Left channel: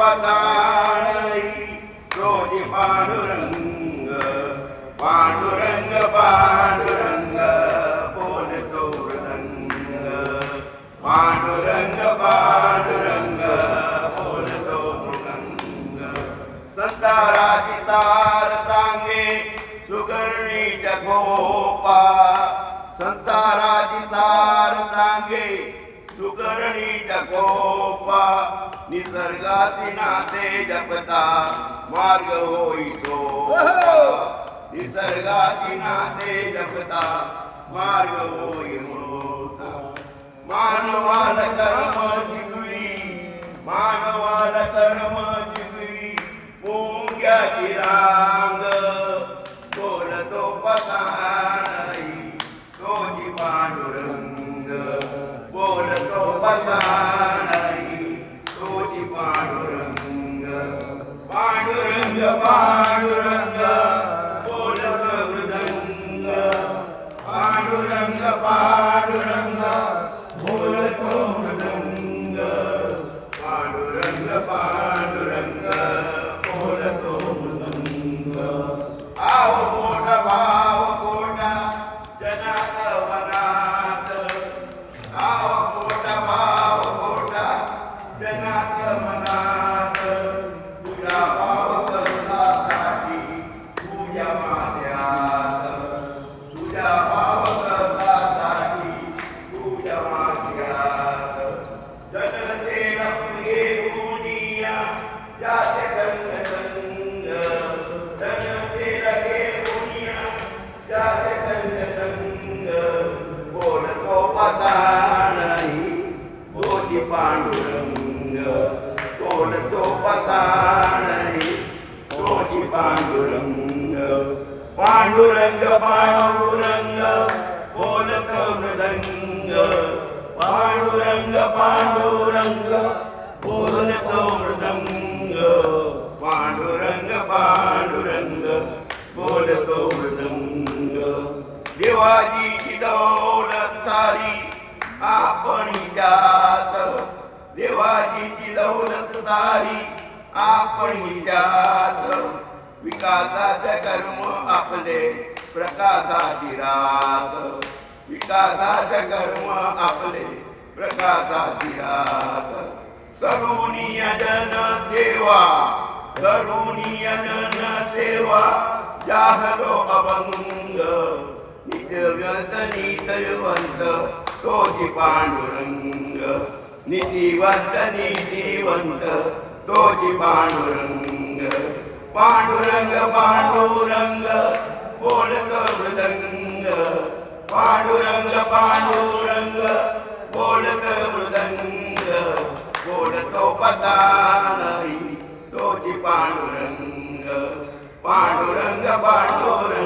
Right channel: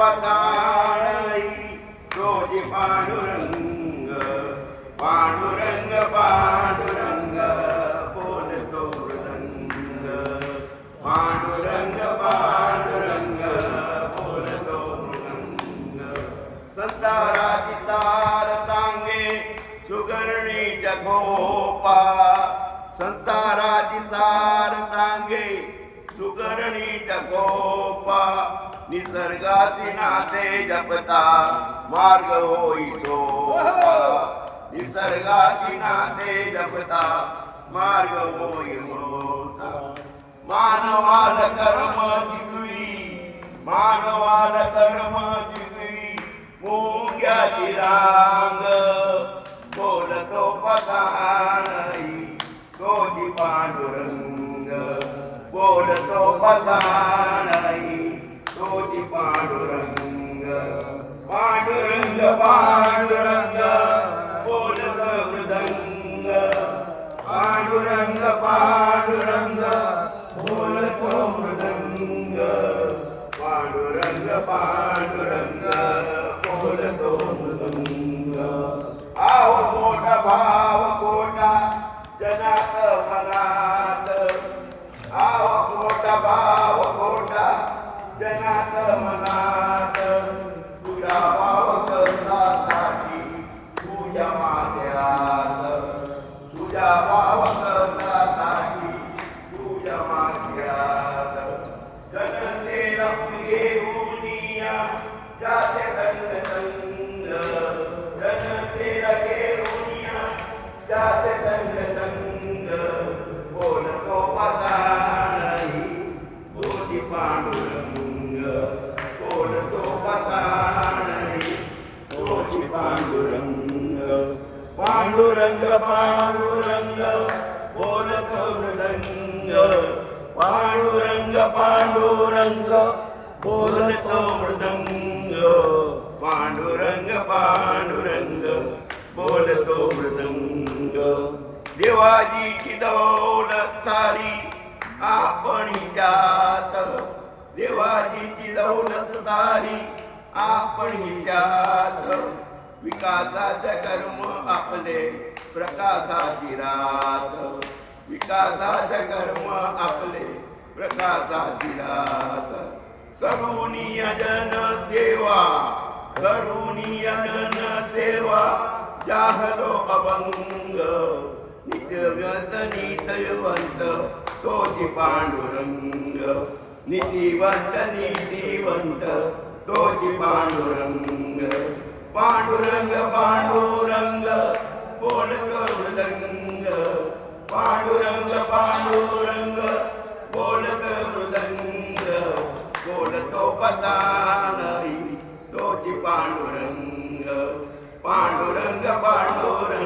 पताळी Toji Pandurang Pandurang Pandurang बोलतो मृदंग पांडुरंग पांडुरंग बोलतो मृदंग संताराची तार सांगे सुगरणीच्या गोपा संताराची तार सांगे सुगरणीच्या गोपा निसर्गाची नाते जपता मार्ग होई सोपा निसर्गाची नाते जपता मार्ग होई मोठा मानवाला कर्म शिकवी मानवाला कर्म शिकवी मुंग्याची रांग बोलतो पताळी तोजी पांडुरंग बोलतो पताळी तोजी पांडुरंग पांडुरंग पांडुरंग बोलतो मृदंग पांडुरंग पांडुरंग बोलतो मृदंग पांडुरंग पांडुरंग बोलतो मृदंग आव मोठा भाव कोटा जनात मनात आव मोठा भाव कोटा जनात मनात तुझ्या भाव कर्तासाठी तुझ्या माथ्यात तुझ्या भाव कर्तासाठी तुझ्या माथ्यात जनतेला प्रिय गुनिया जाते तंग तंग जनतेला घेऊनिया जाते तंग तंग बोलतो पताळी तोजी पांडुरंग बोलतो पताळी तोजी पांडुरंग पांडुरंग पांडुरंग बोलतो मृदंग पांडुरंग पांडुरंग बोलतो मृदंग पांडुरंग पांडुरंग बोलतो मृदंग देवाजीची दौलत सारी आपणी जात देवाजीची दौलत सारी आपणी जात विकासाचे कर्म आपले प्रकाशाची रात विकासाचे कर्म आपले प्रकाशाची रात करुणीय जन सेवा करुणीय जन सेवा जाहलो अभंग नित्यवंत नीतिवंत तोजी पांडुरंग नीतिवंत नीतिवंत तोजी पांडुरंग पांडुरंग पांडुरंग बोलतो मृदंग पांडुरंग पांडुरंग बोलतो मृदंग बोलतो पताळी तोजी पांडुरंग पांडुरंग पांडुरंग